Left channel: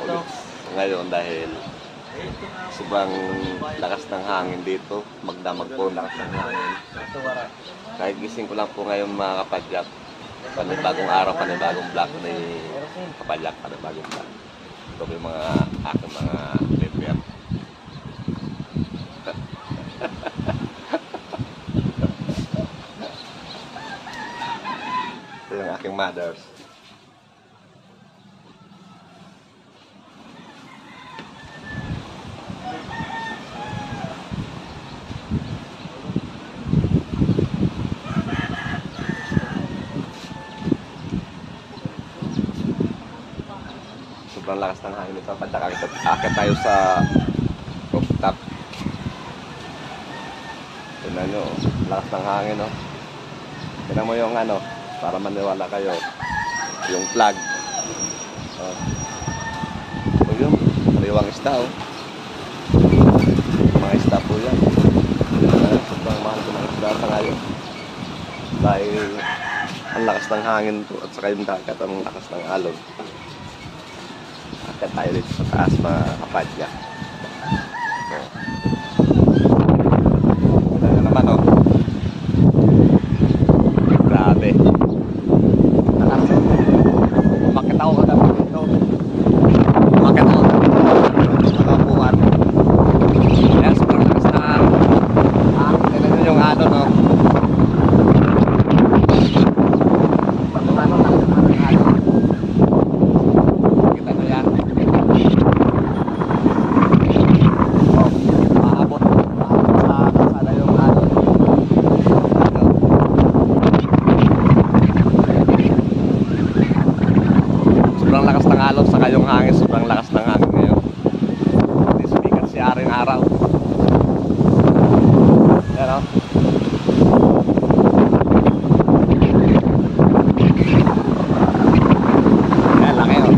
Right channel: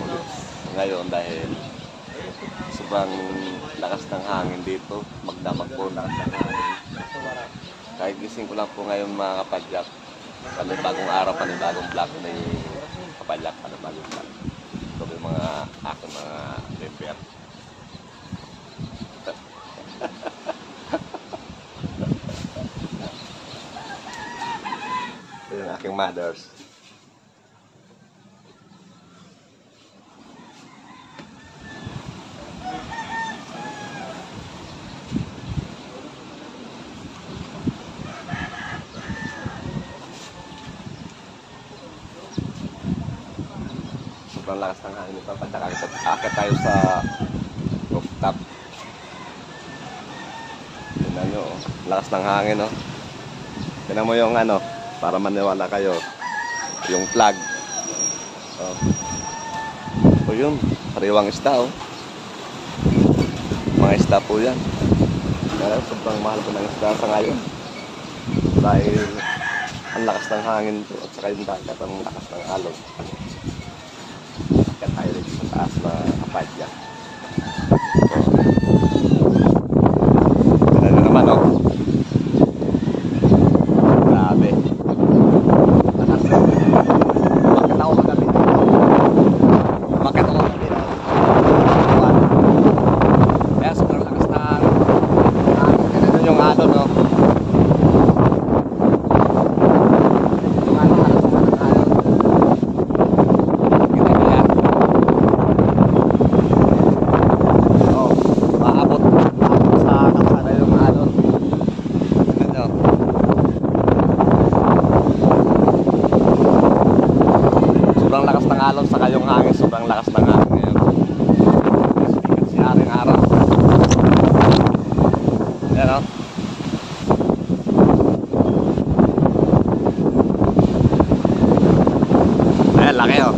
ulit ngayon dahil sobrang lakas ng hangin dito. Magdamag po ang lakas ng hangin. Kahit gising ko lang po ngayon mga kapadyak, panibagong araw, panibagong vlog ni kapadyak, panibagong vlog. Ito po yung mga aking mga member. Ito yung aking mothers. Sobrang lakas ng hangin ito. Akit tayo sa rooftop. Tignan nyo, lakas ng hangin, no? Tignan mo yung ano, para maniwala kayo, yung flag. O yun, pariwang isda, oh. Mga isda po yan. Sobrang mahal ko mga isda sa ngayon. Dahil ang lakas ng hangin to at saka yung dagat, ang lakas ng alon. Akit tayo dito sa taas mga kapadyak. Tignan nyo naman, oh. Grabe. Nakasok. Umakit ako kagabi. Umakit ako kagabi. Kaya sobrang lakas na hangin. Tignan nyo yung ano, no? Sobrang lakas ng alon, saka yung hangin, sobrang lakas ng hangin ngayon. Hindi sumikat si Aring Araw. Ayan, o. Ayan, laki, o.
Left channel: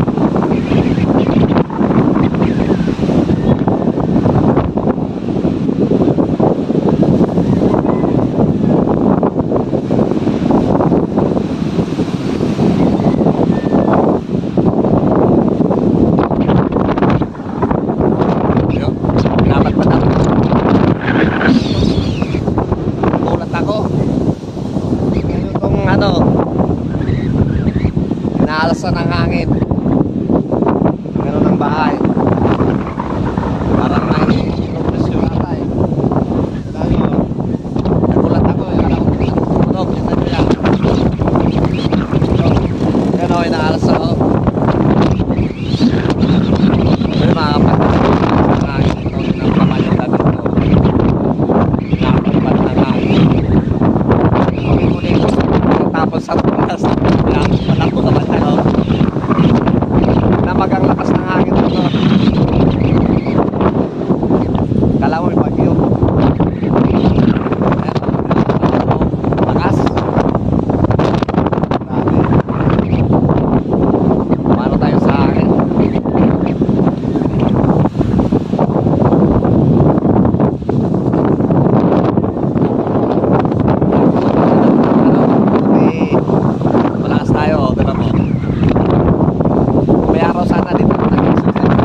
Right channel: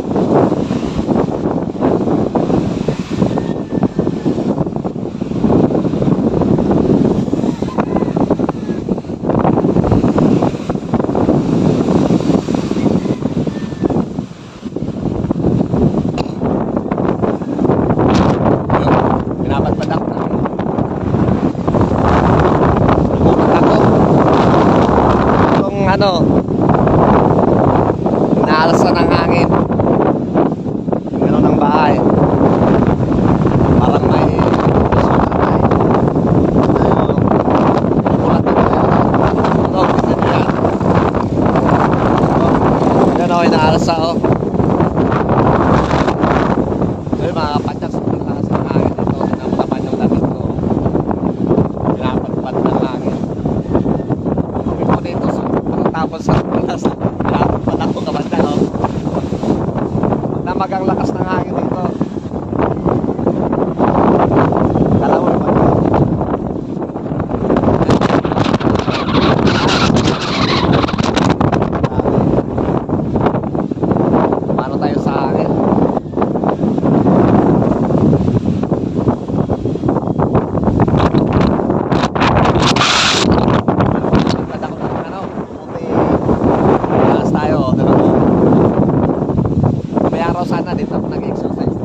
Inaalsa ng hangin. Tingnan ng bahay. Parang hangin. Yan o, inaalsa o. Pero mga kapatid, ang hangin ito, nampaman yung damit ko. Pinapalipat ng hangin. Kami ko tapos sa tulas. Lapos pa lang po kabanda, oh. Namagang lakas ng hangin ito. Kala mo yung bagyo. Paano tayo sa hangin? Malakas tayo, oh. May araw sana dito ako nag-exercise.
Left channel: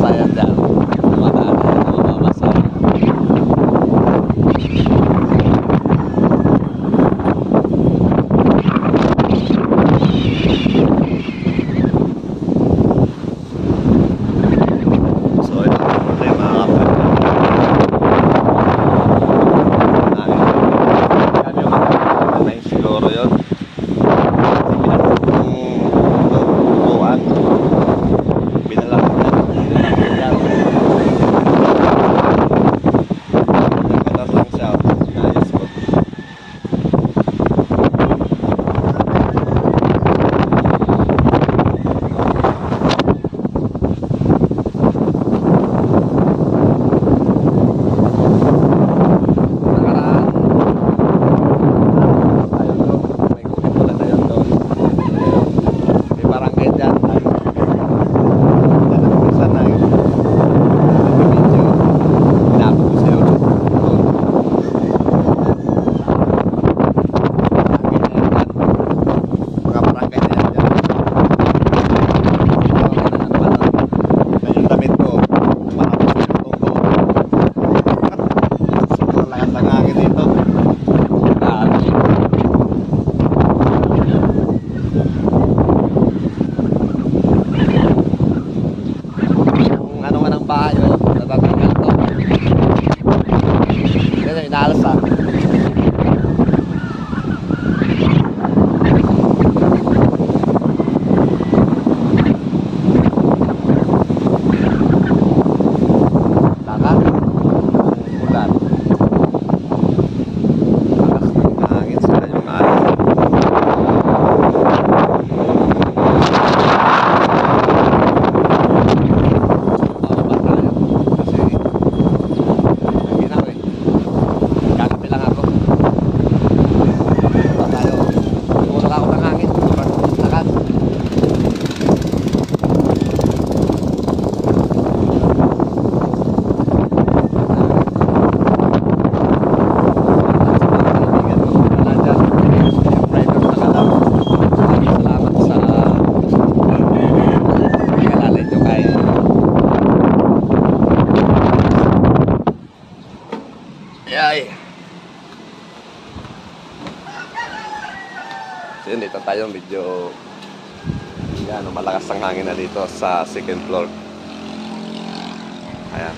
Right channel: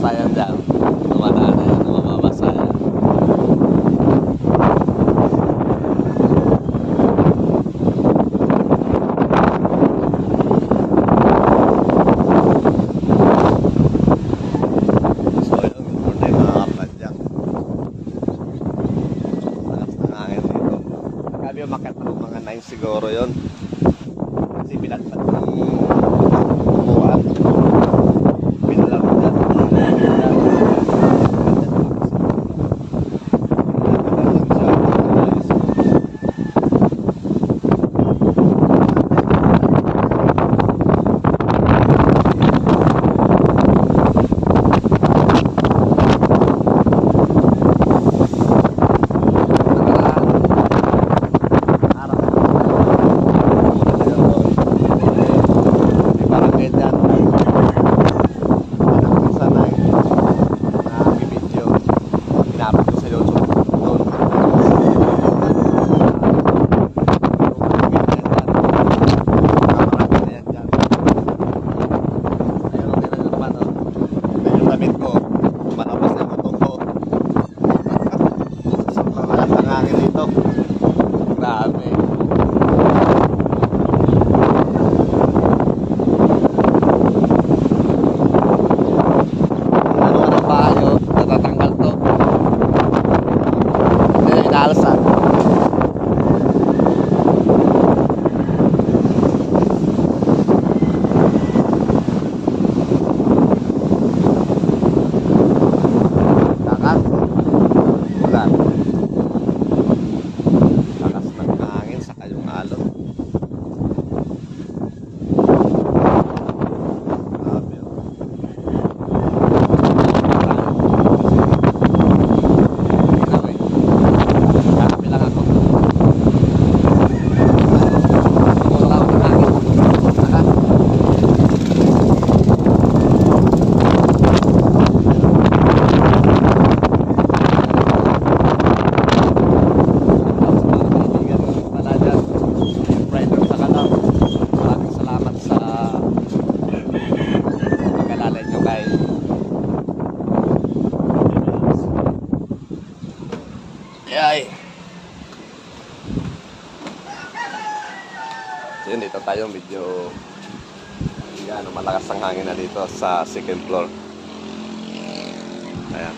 Bumabasa yan dyan. Bumabasa. So ito na yung mga kapatid. Kami yung mga siguro yun. Ay. So yun, dito tayo medyo yan, malakas ang hangin na dito sa second floor. Ayan.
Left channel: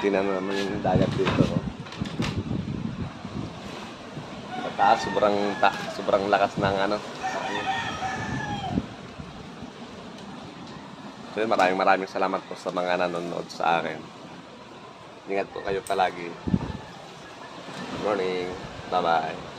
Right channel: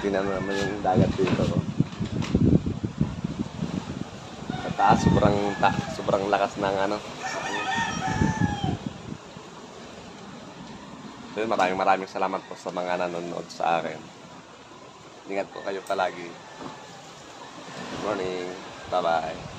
Tingnan mo naman yung dagat dito, no? Sa taas, sobrang lakas ng ano. So yun, maraming salamat po sa mga nanonood sa akin. Ingat po kayo palagi. Good morning. Bye-bye.